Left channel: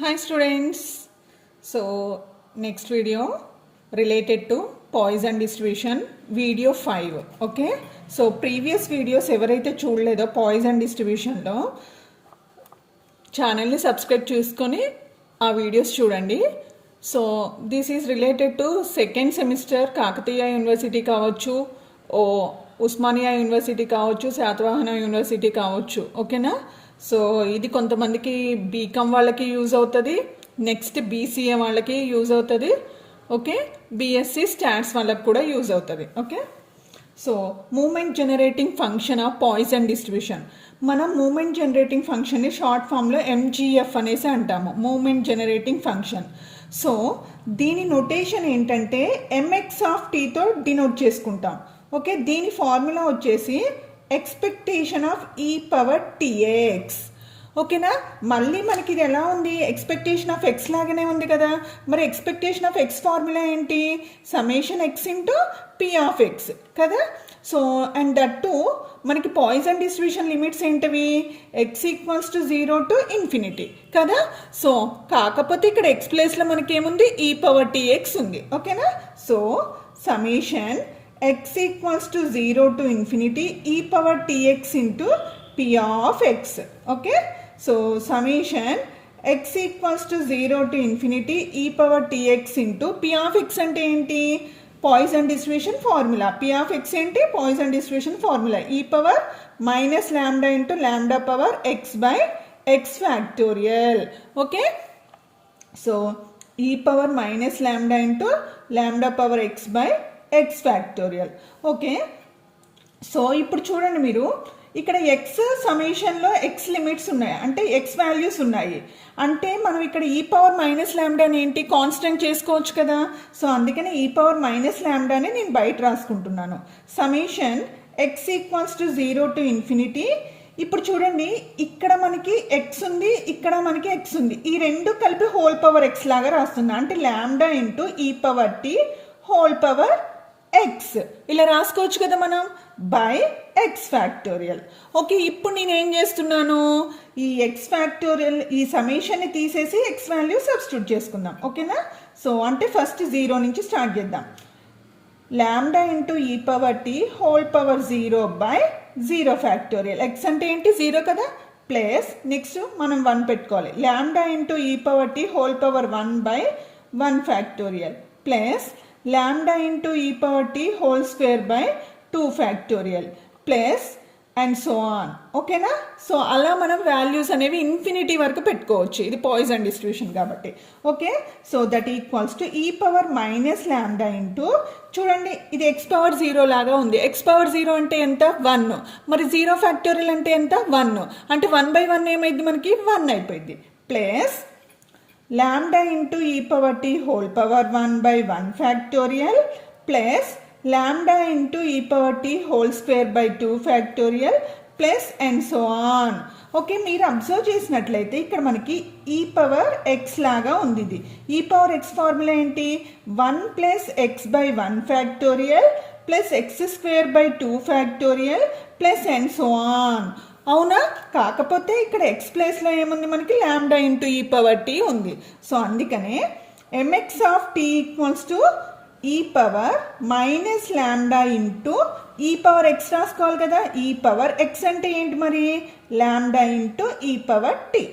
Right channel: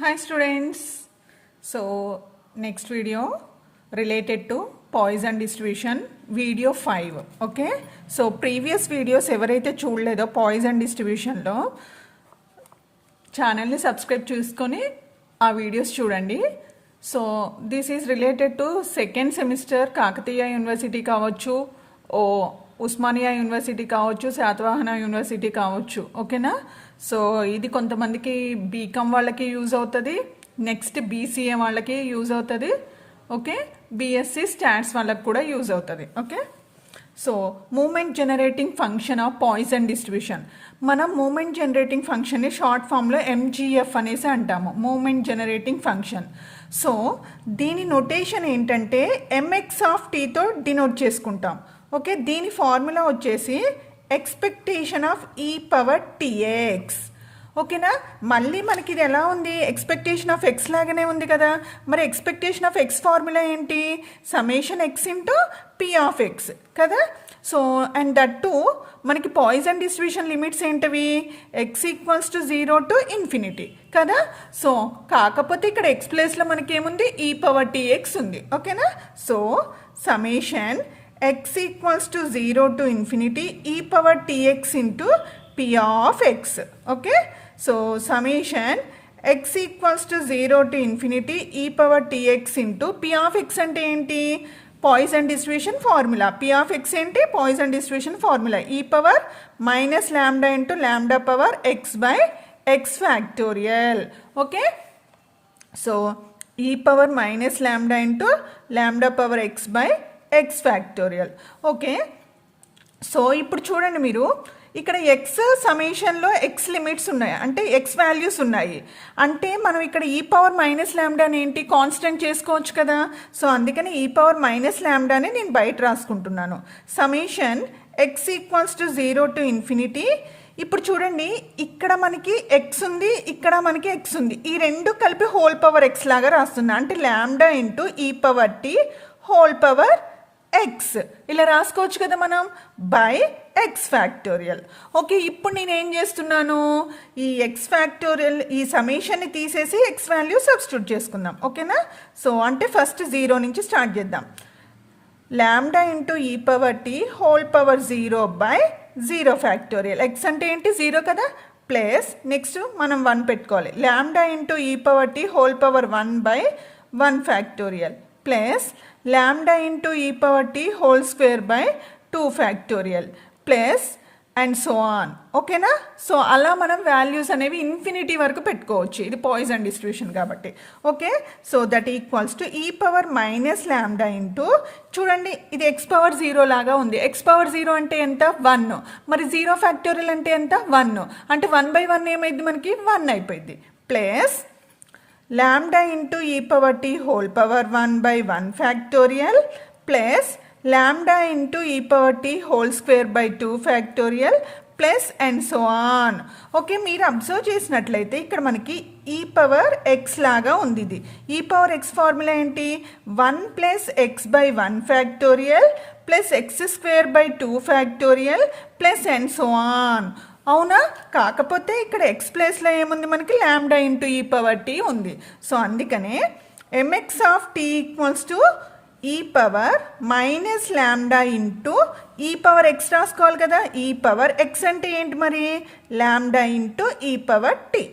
Hi students. So next video related to poison distribution video 5. Okay. So previous videos ఎవరైతే చూడలేదో poison distribution లో ఛానల్ని subscribe చేసుకొని ఆ videos చూడండి. So this is related to second semester Kakatiya university కావచ్చు, Osmania university కావచ్చు, Satavahana university కావచ్చు. ఓకేనా? సో ఇది కొంతమందికి బీకామ్ వాళ్ళకి యూజ్ అవుతుంది, నెక్స్ట్ బీసీఏ వాళ్ళకి యూజ్ అవుతుంది, ఓకే, బీఎస్సీ స్టాట్స్ వాళ్ళకి కూడా యూజ్ అవుతుంది. Okay. So moment generating function of Poisson distribution. మనం మూమెంట్ జనరేటింగ్ ఫంక్షన్ని షార్ట్ ఫామ్లో ఎంజీఎఫ్ అనేసి అంటాము, మూమెంట్ జనరేటింగ్ ఫంక్షన్. సో దీని నొటేషన్ ఏంటంటే ఎంఎక్స్ ఆఫ్ టీతో డినోట్ చేసుకుంటాం. ఓకే, దీని ఫార్ములా వచ్చేసి expectation of e power t x. ఓకేనా? మళ్ళీ మనకి ఇది ఎలా ఉంది, ఎక్స్పెక్టేషన్ ఆఫ్ ఎక్స్ లాగానే ఉంది కదా. మరి ఎక్స్పెక్టేషన్ ఆఫ్ ఎక్స్ ఫార్ములా ఏంటి? Summation X into P of X కదా. సో అండ్ దట్ టు మనకి పాయిజన్ డిస్ట్రిబ్యూషన్ లిమిట్స్ ఏంటివి? X equals to 0 to infinity కదా. సో కాకపోతే ఇక్కడ ఎక్స్ ప్లేస్లో మనకి ఏముంది? ఈ పవర్ టీఎక్స్ ఉంది. ఓకేనా? So summation x equals to 0 to infinity e power tx into p of x. Okay, so summation x equals to 0 to infinity e power tx into p of x ante enti? Poisson distribution formula. p of x enti? Poisson distribution formula. e power minus lambda into lambda power x by x factorial. Okay, so e power minus lambda into lambda power x by X factorial. Okay, so ఇప్పుడు చూడండి, మీరు ఇక్కడ X సమేషన్లో X limits ఉన్నాయి, అంటే X values ఉన్నాయి. అంటే మనం ఇక్కడ ఈ పవర్ మైనస్ ల్యాండాని ఏంటి కాన్స్టెంట్ చేసుకోవచ్చు కదా. సో అందుకని ఈ పవర్ మైనస్ ల్యాండాని నేను బయట రాసుకుంటున్నాను. Summation X equals to 0 to infinity. ఇప్పుడు చూడండి, ఇక్కడ మనకి ఎక్స్ ఉంది, ఇక్కడ మనకి ఎక్స్ ఉంది, ఈ రెండు కలిపి హోల్ పవర్ ఎక్స్ లాగా రాస్తున్నా. అంటే ల్యాండా ఇంటూ ఈ power t whole power x ఇలా రాసుకోవచ్చు కదా మనం, బై ఎక్స్ ఫ్యాక్టోరియల్. ఓకే, ఇప్పుడు నేను ఏం చేస్తున్నాను, ఈ ఎక్స్ ఫ్యాక్టోరియల్ ఈ సమేషన్ని తీసేసి ఎక్స్ వాల్యూ సబ్స్టిట్యూట్ చేసుకుందాం. ఓకేనా? సో అంటే ఫస్ట్ 0 నుంచి స్టార్ట్ చేద్దాం. ల్యాండా ఇంటూ ఈ power t whole power 0 by 0 factorial. X అంటే ఏంటి? 0 కదా. ప్లస్ నెక్స్ట్ మనం 1 పెట్టుకోవాలి. ల్యాండా ఇంటూ ఈ power t whole power 1 by 1 factorial plus lambda into e power t whole square by 2 factorial plus and so on. ఓకేనా? So అలా మనం values అనేవి ఇన్ఫినిటీ వరకు పెట్టుకోవచ్చు, ఇది పాయిజన్ డిస్ట్రిబ్యూషన్ కాబట్టి. Okay, so that equals to ఈ పవర్ మైనస్ ల్యాండా ఇంటూ, చూడండి ఇది ఎక్స్ పవర్ 0 లాగా ఉంది. ఎక్స్ పవర్ 0 అంటే ఎంత? 1. మరి 0 ఫ్యాక్టోరియల్ అంటే ఎంత? 1. అంటే 1/1 ఏమైంది మనకి? 1 అయిపోయింది. Plus lambda into e power t whole power 1 by 1 factorial plus lambda into e power t whole square by 2 factorial plus and so on. Okay, మీరు అబ్జర్వ్ చేసినట్లయితే ఇక్కడ మనకి ఈ పవర్ ఎక్స్ లాగా ఉంది. ఇది ఈ పవర్ ఎక్స్ ఫార్ములా ఏంటి? 1 plus X by 1 factorial plus X square by 2 factorial plus and so on. అవునా? కాకపోతే ఇక్కడ ఎక్స్ ప్లేస్లో ఏముంది మనకి? ల్యాండా ఇంటూ ఈ పవర్ టీ ఉంది. సో అందుకనే M X of tea equals to ఈ పవర్ మైనస్ ల్యాండా ఇంటూ ఈ పవర్ ఎక్స్ రాసుకోవాలి కదా. ఈ పవర్ ఎక్స్ అంటే ఏంటి మరి? ల్యాండా ఇంటూ ఈ పవర్ టీ.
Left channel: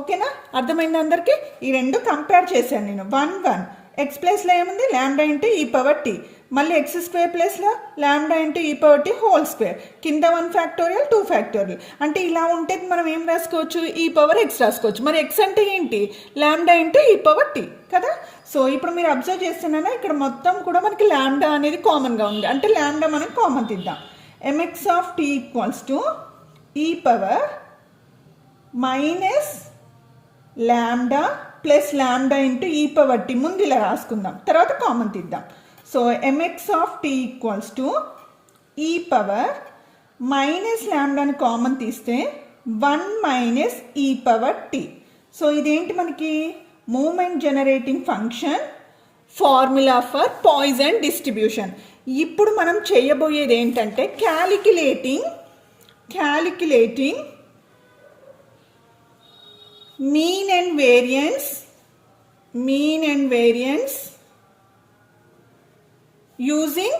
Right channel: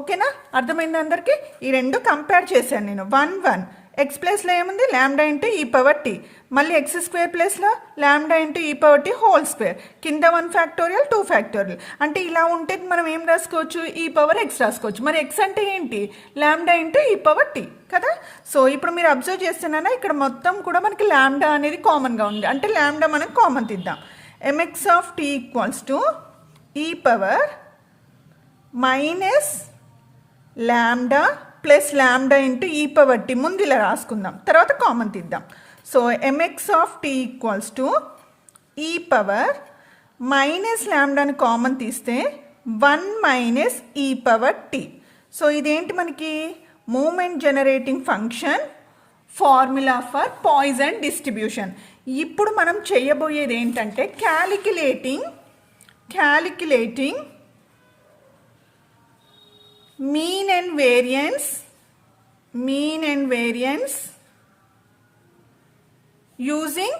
ఓకేనా? అర్థమైంది అందరికీ? ఈ రెండు కంపేర్ చేశాను నేను. 1 1 ఎక్స్ ప్లేస్లో ఏముంది? ల్యాండా ఇంటూ ఈ పవర్ టీ, మళ్ళీ ఎక్స్ స్క్వేర్ ప్లేస్లో ల్యాండా ఇంటూ ఈ పవర్ టీ హోల్ స్క్వేర్, కింద 1 ఫ్యాక్టోరియల్ 2 ఫ్యాక్టోరియల్. అంటే ఇలా ఉంటే మనం ఏం రాసుకోవచ్చు? ఈ పవర్ ఎక్స్ రాసుకోవచ్చు. మరి ఎక్స్ అంటే ఏంటి? ల్యాండా ఇంటూ ఈ పవర్ టీ కదా. సో ఇప్పుడు మీరు అబ్జర్వ్ చేస్తున్నారా, ఇక్కడ మొత్తం కూడా మనకి ల్యాండా అనేది కామన్గా ఉంది. అంటే ల్యాండా మనం కామన్ తీద్దాం. M X of tea equals to ఈ power minus lambda plus lambda into ఈ పవర్ టీ. ముందు ఇలా రాసుకుందాం, తర్వాత కామన్ తీద్దాం. So M X of tea equals to ఈ పవర్ మైనస్ ల్యాండాని కామన్ తీస్తే 1 minus E power T. So ఇదేంటి మనకి? Moment generating function formula for Poisson distribution. ఇప్పుడు మనం చేయబోయేది ఏంటంటే calculating mean and variance using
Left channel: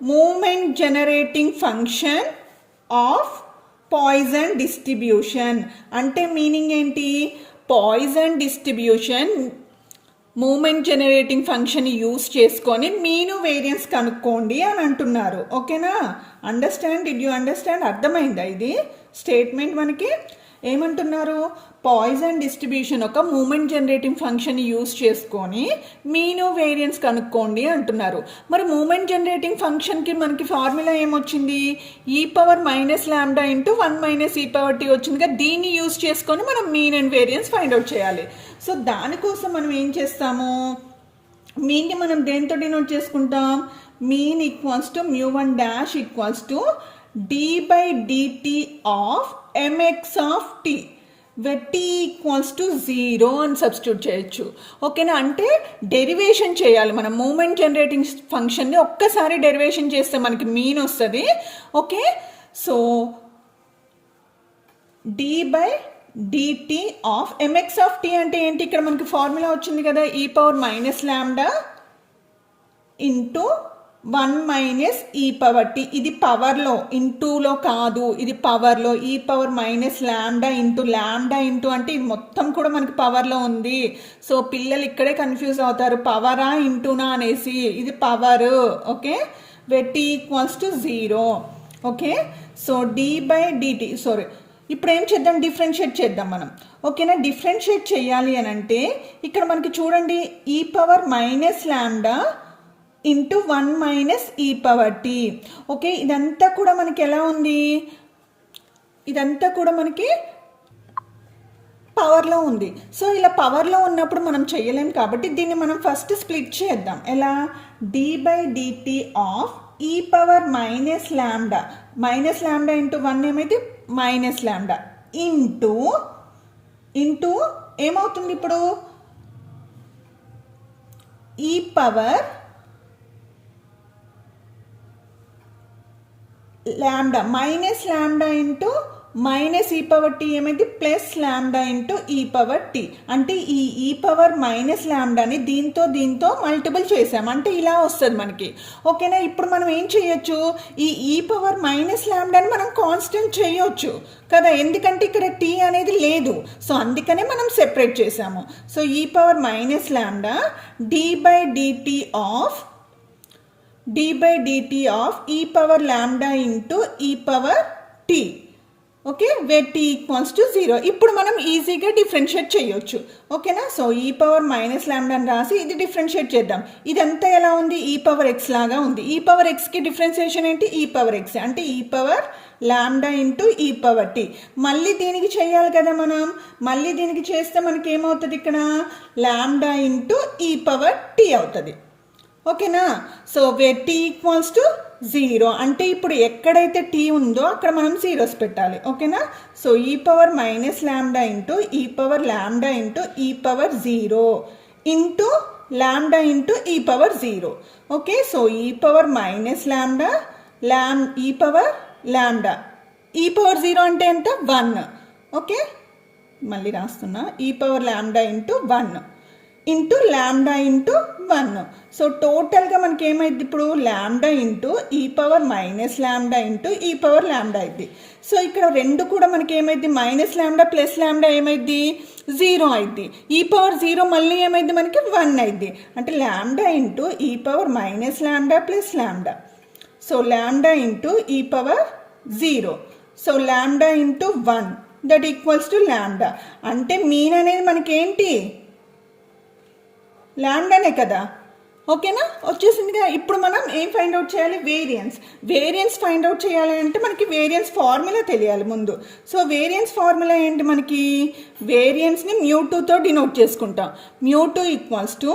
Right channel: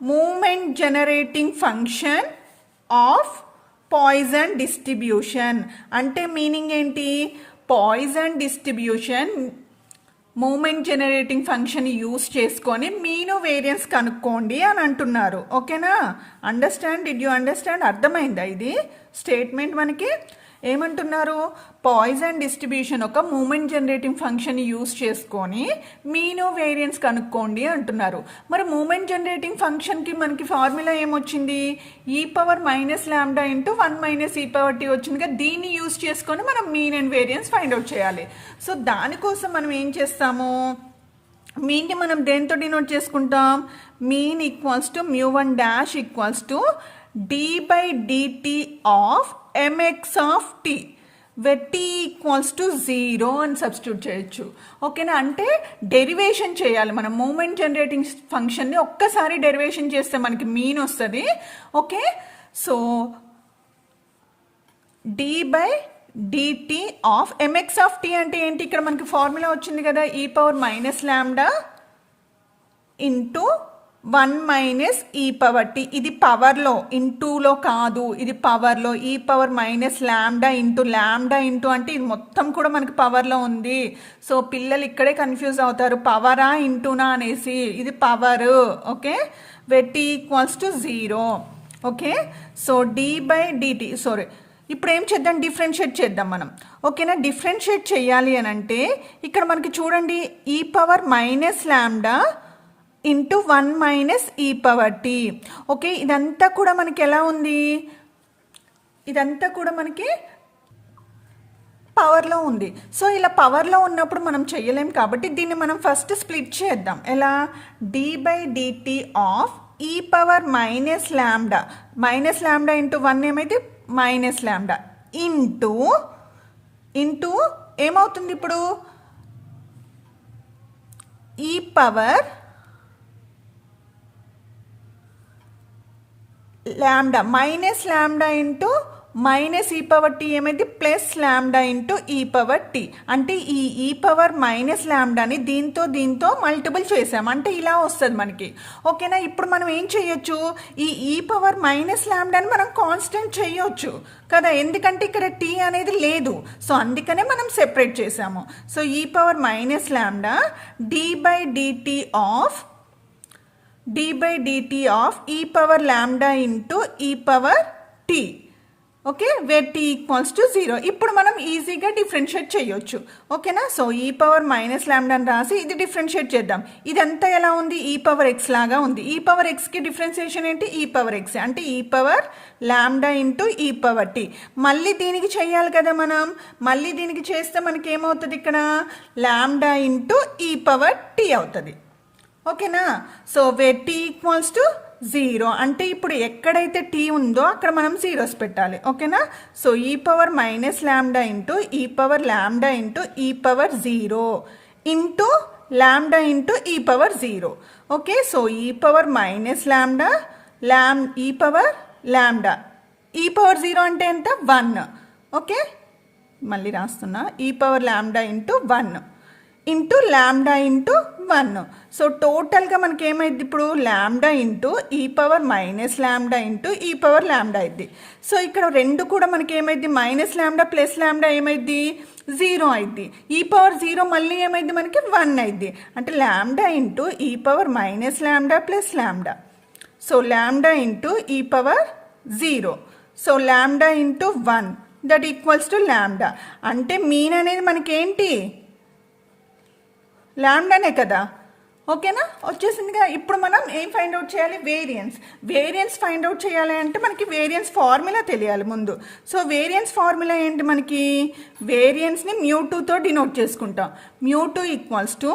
movement generating function of Poisson distribution. అంటే మీనింగ్ ఏంటి? Poisson distribution moment generating function use చేసుకొని మీను వేరియన్స్ కనుక్కోండి అని అంటున్నారు. ఓకేనా? Did you understand? అర్థమైందా? ఇది స్టేట్మెంట్ మనకి ఏమంటున్నారు? పాయిజన్ డిస్ట్రిబ్యూషన్ ఒక మూమెంట్ జనరేటింగ్ ఫంక్షన్ యూస్ చేసుకొని మీను వేరియన్స్ కనుక్కోండి అంటున్నారు. మరి మూమెంట్ జనరేటింగ్ ఫంక్షన్కి మనకి ఫార్ములా ఏమొచ్చింది? e power minus lambda into 1 minus e power T వచ్చింది కదా. దీన్ని యూస్ చేసుకొని మనం mean and variance find out చేయాలి. సో దానికోసం మనం ఏం చేస్తాము? మీన్ని మనం దేంతో డినోట్ చేసుకుంటాం? Mean equals to μ1 dash equals to d/dt of mx ఆఫ్ t where t equals to 0 అని సబ్స్టిట్యూట్ చేయొచ్చు. ఓకేనా? అంటే డెరివేషన్ చేయాలి మనం. మూమెంట్ జనరేటింగ్ ఫంక్షన్ని ఒక్కసారి డెరివేషన్ చేస్తే మనకి మీన్ వస్తుంది. Okay, so d/dt of mx ఆఫ్ t అంటే ఏంటి? ఇక్కడ మనకి ఫార్ములా వచ్చింది కదా, e power minus lambda into 1 minus E power tea. ఇది పవర్లో, ఇంటూలో కాదు, ఇది పవర్లో. ఈ పవర్ మైనస్ ల్యాండా ఇంటూ అంటే ఇది మొత్తం కూడా మనకి పవర్లో ఉంది. సో పిల్లలు ఇక్కడే కన్ఫ్యూజ్ అవుతారు, పవరా ఇంటూనా అనేసి. ఇది power. Okay, where t equals to 0. Okay, so d/dt. Sorry, ఇప్పుడు ఏం చేద్దాం? డిఫరెన్షియేట్ చేద్దాం మనం. ఓకేనా? డిఫరెన్షియేట్ చేయాలి అని అంటే ఇక్కడ మనకి చూడండి, ఈ power minus lambda into 1 minus E power t. Okay, ఇదంతా కూడా మనకి ఎలా ఉంది? ఇదంతా కూడా మనకి పవర్లో ఉంది. సో ఇలా పవర్లో ఉన్నప్పుడు మనం చేయలేం కాబట్టి దీన్ని మనం ఫస్ట్ స్ప్లిట్ చేద్దాం. ఎలా? d/dt of e power minus lambda into 1 ఏమైతే మైనస్ ల్యాండా ఇంటూ ఏమవుతుంది ఇప్పుడు? ఈ power lambda minus lambda into minus E power tea ఏమైంది? ప్లస్ ల్యాండా ఇంటూ ఈ పవర్ టీ. అంటే ఈ ఈ పవర్ మైనస్ ల్యాండాని దీంతో మల్టిపుల్ చేసాం అంటే ఇలా వస్తుంది మనకి. ఓకేనా? ఇప్పుడు మనం ఏం చేయొచ్చు? ఈ పవర్ మైనస్ ల్యాండాని మనం కాన్స్టెంట్ చేయొచ్చు కదా, ఎందుకంటే ఇక్కడ టీ అనేది లేదు. సో అందుకనే మనం సెపరేట్ చేసాము. సో ఈ పవర్ మైనస్ ల్యాండా d/dt of e power lambda into ఈ power t. Okay, where t equals to 0. ఇప్పుడు మనం ఈజీగా డిఫరెన్షియేట్ చేయొచ్చు. ఓకేనా? సో ఈ పవర్ మైనస్ ల్యాండా అని రాసి ఇది డిఫరెన్షియేట్ చేద్దాం. ఇదంతా ఎలా ఉంది? ఈ పవర్ ఎక్స్ లాగా ఉంది. ఈ పవర్ ఎక్స్కి డిఫరెన్షియేషన్ ఏంటి? ఈ పవర్ ఎక్స్ అంటే ఈ పవర్ ల్యాండా ఇంటూ ఈ పవర్ టీ. మళ్ళీ దీనికి చేయాలి కదా మనం. మళ్ళీ దీనికి చేస్తే మనకి ఏమవుతుంది? ఇక్కడ ల్యాండా ఇంటూ ఈ పవర్ టీ అవుతుంది. ఓకేనా? So where t equals to 0 అంటే ఇప్పుడు ఎక్కడైతే టీ ఉందో అక్కడ మనం జీరోస్ పెట్టాలి. ఓకేనా? So E power minus lambda into ఈ పవర్ ల్యాండా ఇంటూ ఈ పవర్ 0 ఇంటూ ల్యాండా ఇంటూ ఈ power 0. Okay, so E power minus ల్యాండా ఈ పవర్ ల్యాండా ఈ పవర్ 0 అంటే ఎంత? 1. ఓకే, మళ్ళీ రాస్తున్నా. ఈ power lambda into 1 into lambda into 1. So టోటల్గా మనకి ఏమైంది ఇప్పుడు? ల్యాండా ఇంటూ ఈ పవర్ మైనస్ ల్యాండా ఇంటూ ఈ పవర్ ల్యాండా అయింది. సో ఇక్కడ రెండు కూడా మనకి ఏమైంది? మైనస్ ల్యాండా ప్లస్ ల్యాండా ఏమైంది? 0 అయింది. ఈ పవర్ 0 మళ్ళీ ఏమైంది? మనకి 1 అయింది. అంటే ల్యాండా ఇంటూ ఈ power minus lambda plus lambda. So lambda into ఈ power 0. So lambda into 1 that equals to lambda. అంటే మీన్ అనేది మనకి ఏంటి? ల్యాండానే కదా. ఓకేనా? వచ్చేసిందిగా. ఇప్పుడు మనం ఏం ఫైండ్ అవుట్ చేయాలి? వేరియన్స్ ఫైండ్ అవుట్ చేయాలి అంటే మనకి వేరియన్స్ ఫార్ములా తెలియాలి ముందు. సో వేరియన్స్ ఫార్ములా ఏంటి? మనకి వేరియన్స్ని μ2తో డినోట్ చేసుకుంటాం. μ2 equals to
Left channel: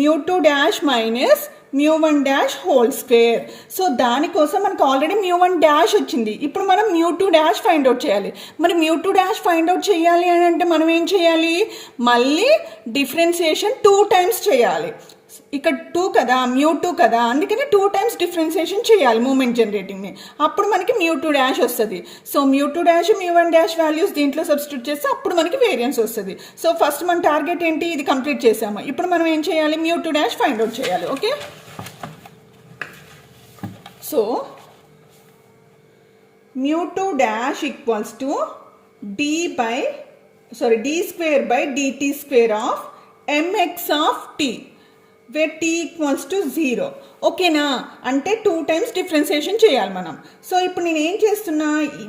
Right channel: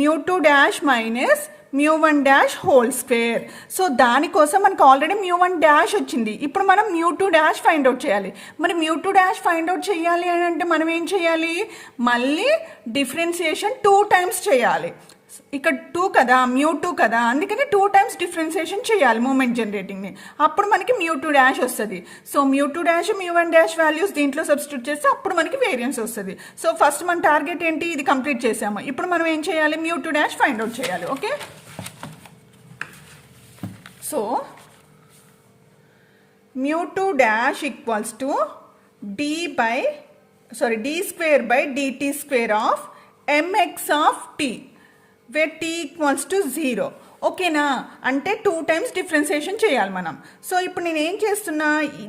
μ2 dash minus μ1 dash whole square. So దానికోసం మనకు ఆల్రెడీ μ1 డాష్ వచ్చింది. ఇప్పుడు మనం μ2 డాష్ ఫైండ్ అవుట్ చేయాలి. మరి μ2 డాష్ ఫైండ్ అవుట్ చేయాలి అని అంటే మనం ఏం చేయాలి? మళ్ళీ డిఫరెన్సియేషన్ 2 టైమ్స్ చేయాలి. ఇక్కడ 2 కదా, μ2 కదా, అందుకని 2 టైమ్స్ డిఫరెన్షియేషన్ చేయాలి మూమెంట్ జనరేటింగ్ని. అప్పుడు మనకి μ2 డాష్ వస్తుంది. సో μ2 డాష్ μ1 డాష్ వాల్యూస్ దీంట్లో సబ్స్టిట్యూట్ చేస్తే అప్పుడు మనకి వేరియన్స్ వస్తుంది. సో ఫస్ట్ మన టార్గెట్ ఏంటి, ఇది కంప్లీట్ చేసాము. ఇప్పుడు మనం ఏం చేయాలి, μ2 డాష్ ఫైండ్ అవుట్ చేయాలి. Okay, so μ2 dash equals to d square by dt square of mx of t where t equals to 0. ఓకేనా, అంటే 2 టైమ్స్ డిఫరెన్షియేషన్ చేయాలి మనం. సో ఇప్పుడు నేను ఏం చేస్తున్నా,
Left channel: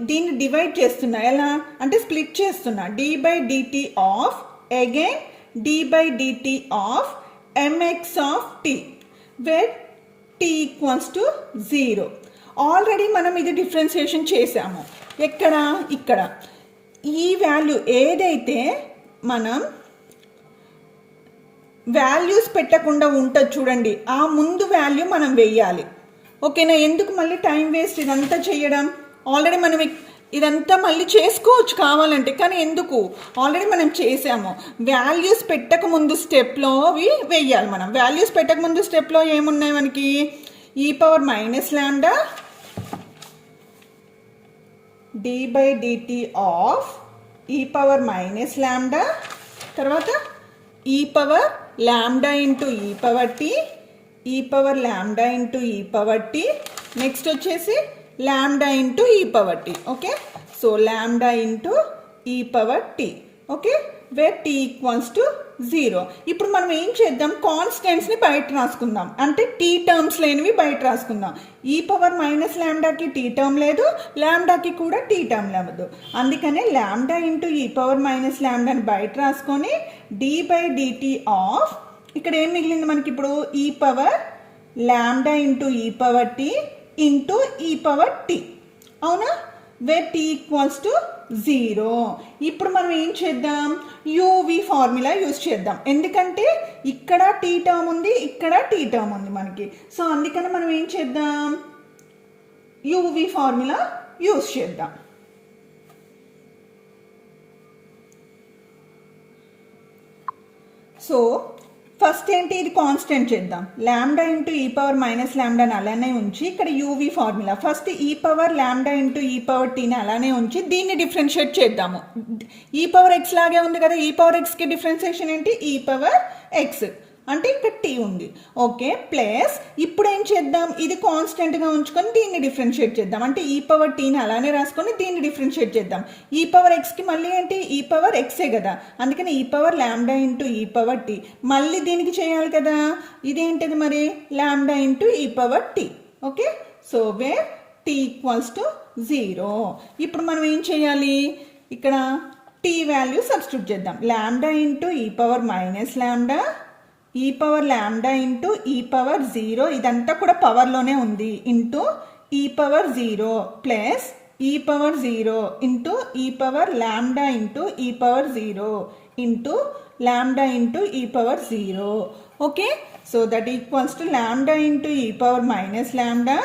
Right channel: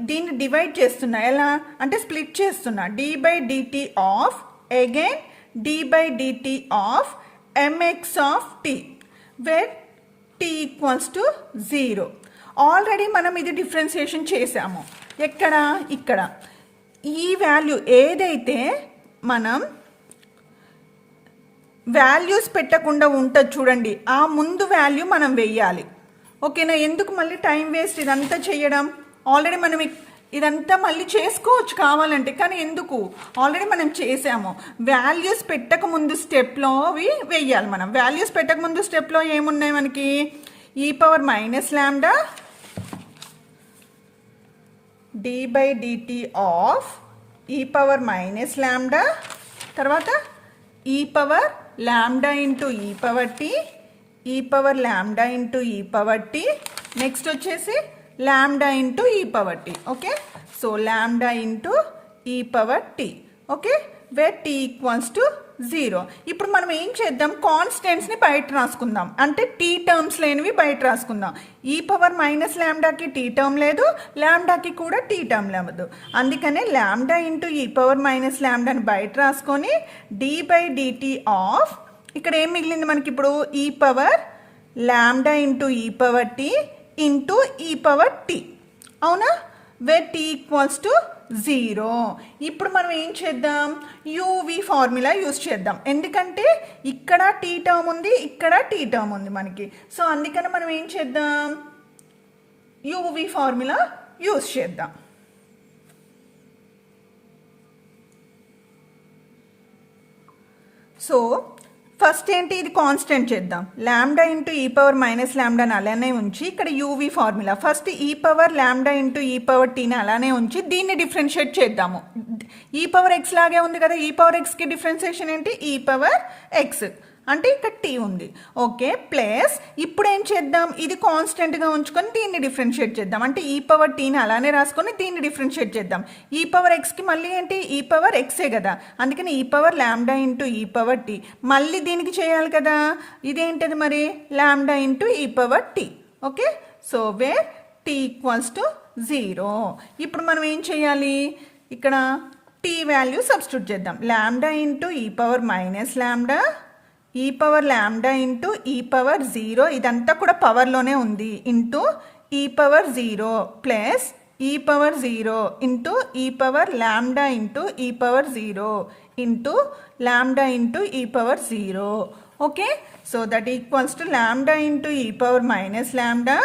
దీన్ని డివైడ్ చేస్తున్నా. ఎలా అంటే స్ప్లిట్ చేస్తున్నా. d by dt of again d by dt of mx of t where t equals to 0. Already మనం ఇది డిఫరెన్షియేషన్ చేసాము. ఎక్కడ, ఇక్కడ ఈ వాల్యూ ఏదైతే మనం వాల్యూస్ పెట్టకుండా ఉంటుంది చూడండి, ఆ ముందు వాల్యూ మనం వెయ్యాలి. ఓకేనా, ఎందుకు మళ్ళీ టైం వేస్ట్ ఇదంతా చేయడం. ఆల్రెడీ మనం ఇదంతా మళ్ళీ చేసుకోవచ్చు కావాలంటే, కానీ ఎందుకు, ఆల్రెడీ మనం చేసాము. వాల్యూస్ పెట్టక ముందు స్టెప్లో అవి వెయ్యాలి మనం. వాల్యూస్ పెట్టక ముందు స్టెప్లో ఏమున్నాయి మనకి, e power minus lambda d by dt of e power minus lambda, తర్వాత e power lambda into e power t, e power lambda into e power t, next వచ్చేసి lambda into e power t. Okay, so lambda into e power t. Okay, where t equals to 0. ఇప్పుడు మనం ఏం చేద్దాం, కాన్స్టెంట్స్ని బయట రాసుకుందాం. అంటే tea terms లేనివి బయట రాసుకుందాం. ఈ పవర్ మైనస్ లాంబ్డాకి టీ టర్మ్ లేదు, లాంబ్డాకి కూడా టీ టర్మ్ లేదు. అందుకనే లాంబ్డా ఇంటూ ఈ పవర్ మైనస్ లాంబ్డాని బయట రాసుకొని డి బై డిటి ఆఫ్, ఇక్కడ ఏం మిగిలింది మనకి ఇప్పుడు, ఈ పవర్ లాంబ్డా ఇంటూ ఈ పవర్ టీ ఇంటూ ఈ పవర్ టీ. అవునా, వేర్ టీ ఈక్వల్స్ టు 0. ఇప్పుడు మనం ఏం చేద్దాం, యూవి ఫార్ములా యూజ్ చేద్దాం. ఎందుకంటే ఇక్కడ టీ టర్మ్ ఉంది, ఇక్కడ టీ టర్మ్ ఉంది మనకి. సో అందుకని మనం ఏం చేద్దాం, యూవి ఫార్ములా యూజ్ చేద్దాం. సో ఫస్ట్ ఏంటి, ఇది కాన్స్టెంట్ చేద్దాం. లాంబ్డా ఇంటూ ఈ పవర్ మైనస్ లాంబ్డాని అలానే ఉంచి ఇక్కడ యూవి ఫార్ములా ఫస్ట్ ఈ పవర్ లాంబ్డా ఇంటూ ఈ పవర్ టీని అలానే ఉంచి దీన్ని డిఫరెన్షియేట్ చేద్దాము. ఈ పవర్ ఎక్స్ లాగే ఉంది కదా, ఈ పవర్ ఎక్స్కి డిఫరెన్షియేషన్ ఏంటి, ఈ పవర్ ఎక్స్ అంటే ఇక్కడ టీ ఉంది. ఓకే, ప్లస్ ఇప్పుడు ఏం చేద్దాం, ఇది కాన్స్టెంట్గా ఉంచుకొని దీన్ని డిఫరెన్షియేట్ చేద్దాం. అంటే ఈ పవర్ టీని అలానే రాసుకొని దీన్ని డిఫరెన్షియేట్ చేద్దాం. ఈ పవర్ ఎక్స్కి మళ్ళీ ఏంటి, ఈ పవర్ ఎక్సే కదా, అందుకని ఈ పవర్ లాంబ్డా ఇంటూ ఈ పవర్ టీ. మళ్ళీ దీనికి చేయాలి కదా, ఇదేంటిది మరి, లాంబ్డా ఇంటూ ఈ power t. Okay, so where t equals to 0. ఇప్పుడు మనం ఏం చేయాలి, ఇక్కడ టీ వాల్యూ సబ్స్టిట్యూట్ చేద్దాం. లాంబ్డా ఇంటూ ఈ power minus lambda, e power lambda into ఈ పవర్ 0, ఇదంతా కూడా పవర్లోనే ఉంది, ఇంటూ ఈ power 0 plus e power 0 into ఈ పవర్ లాంబ్డా ఇంటూ ఈ పవర్ 0 ఇంటూ లాంబ్డా ఇంటూ ఈ power 0. Okay, so that equals to lambda into ఈ power minus lambda,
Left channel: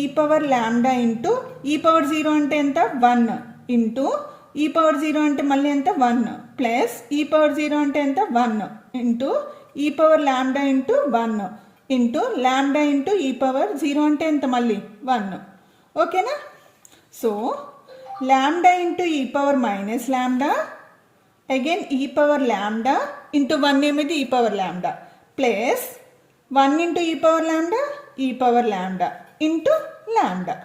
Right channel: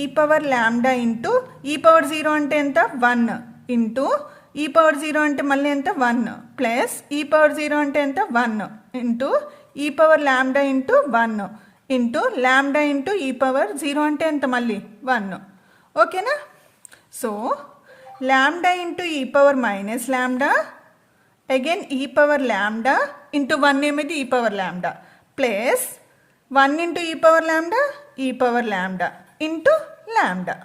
e power lambda into ఈ పవర్ 0 అంటే ఎంత, 1 ఇంటూ ఈ పవర్ 0 అంటే మళ్ళీ ఎంత, 1 ప్లస్ ఈ పవర్ 0 అంటే ఎంత, 1 ఇంటూ ఈ power lambda into 1 into lambda into ఈ పవర్ 0 అంటే ఎంత, మళ్ళీ 1. ఓకేనా, సో లాంబ్డా ఇంటూ ఈ పవర్ మైనస్ లాంబ్డా అగైన్ ఈ పవర్ లాంబ్డా ఇంటూ 1 ఏమిటి, ఈ పవర్ లాంబ్డా ప్లస్ 1 ఇంటూ ఈ power lambda into lambda.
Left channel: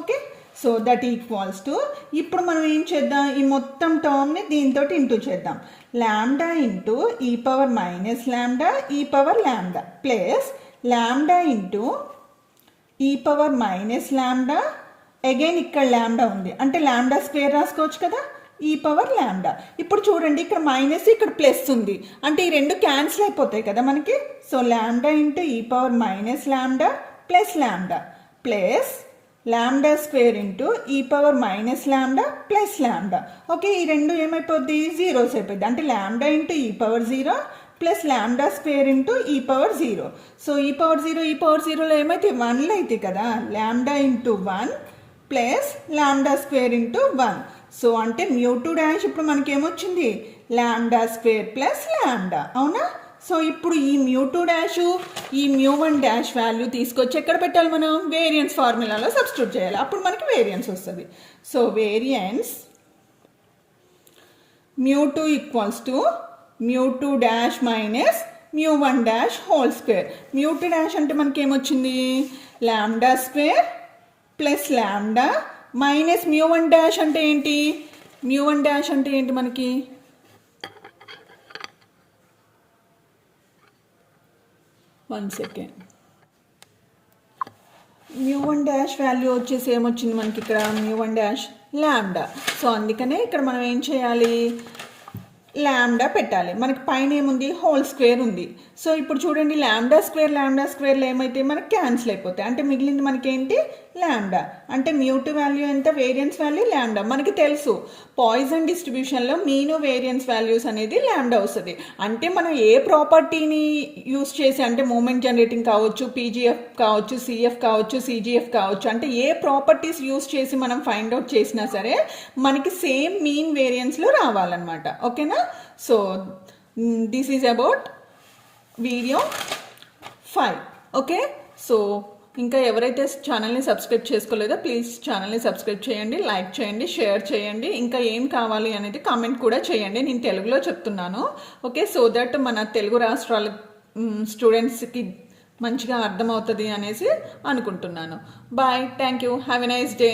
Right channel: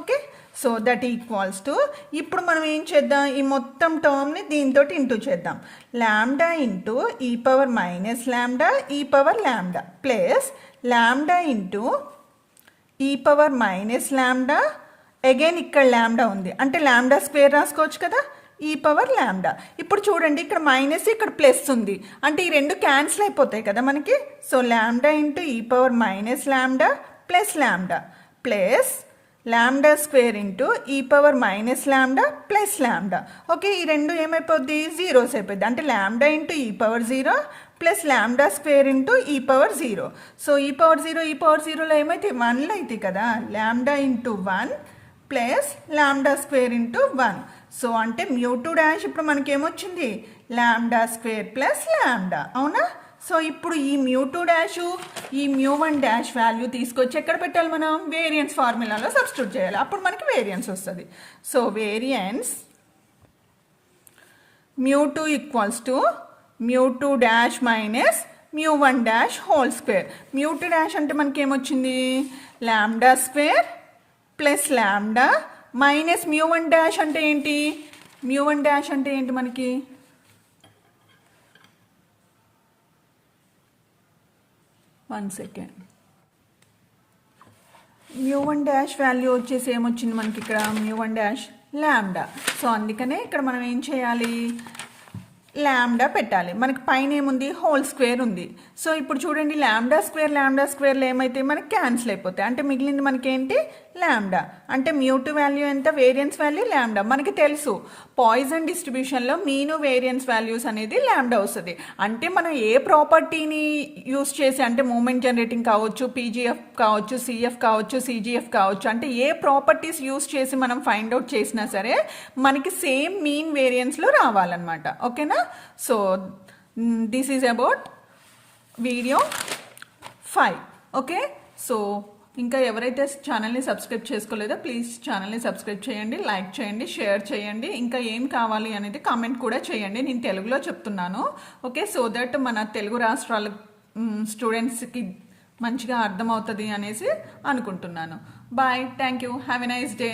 Okay, so that equals to, ఇప్పుడు మనం ఏం చేద్దాం, ఈ మొత్తం టర్మ్ని దీంతో ఇంటూ చేద్దాం. లాంబ్డా ఇంటూ ఈ power minus lambda e power lambda plus lambda into ఈ పవర్ మైనస్ లాంబ్డా అగైన్ ఇక్కడ లాంబ్డా ఉంది అంటే లాంబ్డా స్క్వేర్ రాసుకోవచ్చు కదా, ఈ పవర్ లాంబ్డా. ఇప్పుడు చూడండి ఇక్కడ మైనస్ ఇక్కడ ప్లస్ ఉంది అంటే ఈ రెండు క్యాన్సిల్ అయిపోతాయి కదా మనకి. సో లాంబ్డా ఇంటూ ఈ power minus lambda plus lambda square into ఈ power minus lambda plus lambda. Okay, ఈ రెండు ఏమైపోద్ది, జీరోస్ అయిపోద్ది. అంటే లాంబ్డా ఇంటూ ఈ power 0 plus lambda square into ఈ పవర్ 0. సో ఈ పవర్ 0లో ఏమైతే 1లు అయితే కదా, lambda into 1 plus lambda square into 1. So అంటే μ2 డాష్ ఇప్పుడు మనకేమొచ్చింది, లాంబ్డా స్క్వేర్ ప్లస్ లాంబ్డా. అవునా, సో ఇప్పుడు ఈ μ2 డాష్ ఈ μ1 డాష్ వాల్యూ తీసుకొచ్చి ఎక్కడ పెట్టాలి, మనం వేరియన్స్ ఫార్ములాలో సబ్స్టిట్యూట్ చేయాలి. అప్పుడు మనకి వేరియన్స్ వస్తుంది. So variance μ2 equals to μ2 dash minus μ1 dash whole square. μ2 dash అంటే మనకి ఏమొచ్చింది, lambda square plus lambda minus μ1 dash అంటే ఏంటి, μ1 డాష్ అంటే ఏంటి మనకి, వన్ సెకండ్, μ1 డాష్ వాల్యూ వచ్చేసి ఏమొచ్చింది మనకి ఇక్కడ, μ1 డాష్ లాంబ్డా. సో అందుకనే ఇక్కడ మనం ఏం చేయాలి, లాంబ్డా పెట్టాలి. మనకి పైన ఏముంది, హోల్ స్క్వేర్ ఉంది. సో ఇప్పుడు చూడండి, లాంబ్డా స్క్వేర్లో ఏమైతే మనకి క్యాన్సిల్ అయిపోతాయి. అంటే మిగిలింది మనకి ఏంటి, లాంబ్డా. అంటే μ2 వాల్యూ ఎంత, వేరియన్స్ వాల్యూ లాంబ్డా. మనకి తెలుసు పాయిజన్ డిస్ట్రిబ్యూషన్లో మీను వేరియన్స్ వాల్యూస్ అనేది లాంబ్డా వస్తుంది. అంటే మనం ఏ ప్రాపర్టీని యూస్ చేసి, అంటే మూమెంట్ జనరేటింగ్ కావచ్చు, పీజీఎఫ్ కావచ్చు, సిఎఫ్ కావచ్చు, సిజిఎఫ్ కావచ్చు, అంటే ఏ ప్రాపర్టీస్ యూస్ చేసి మనం ఫైండ్ అవుట్ చేసినా సరే మనకి సేమ్ మీన్ వేరియన్స్లో రావాలన్నమాట. ఓకేనా. So this is about video 5. Okay. So ఇంకా ఎవరైతే ఛానల్ని సబ్స్క్రైబ్ చేసుకోలేదో ప్లీజ్ ఛానల్ని సబ్స్క్రైబ్ చేయండి, లైక్ చేయండి, షేర్ చేయండి. ఇంకా ఏం కావాలి అనేది కామెంట్ కూడా చేయండి. నేను తెలుగులో చెప్తున్నాను. ఓకే. సో దట్ మన తెలుగు రాష్ట్రాల స్టూడెంట్స్కి మంచిగా అర్థమవుతుంది అనేసి అనుకుంటున్నాను. Bye. Thank you. Have a nice day.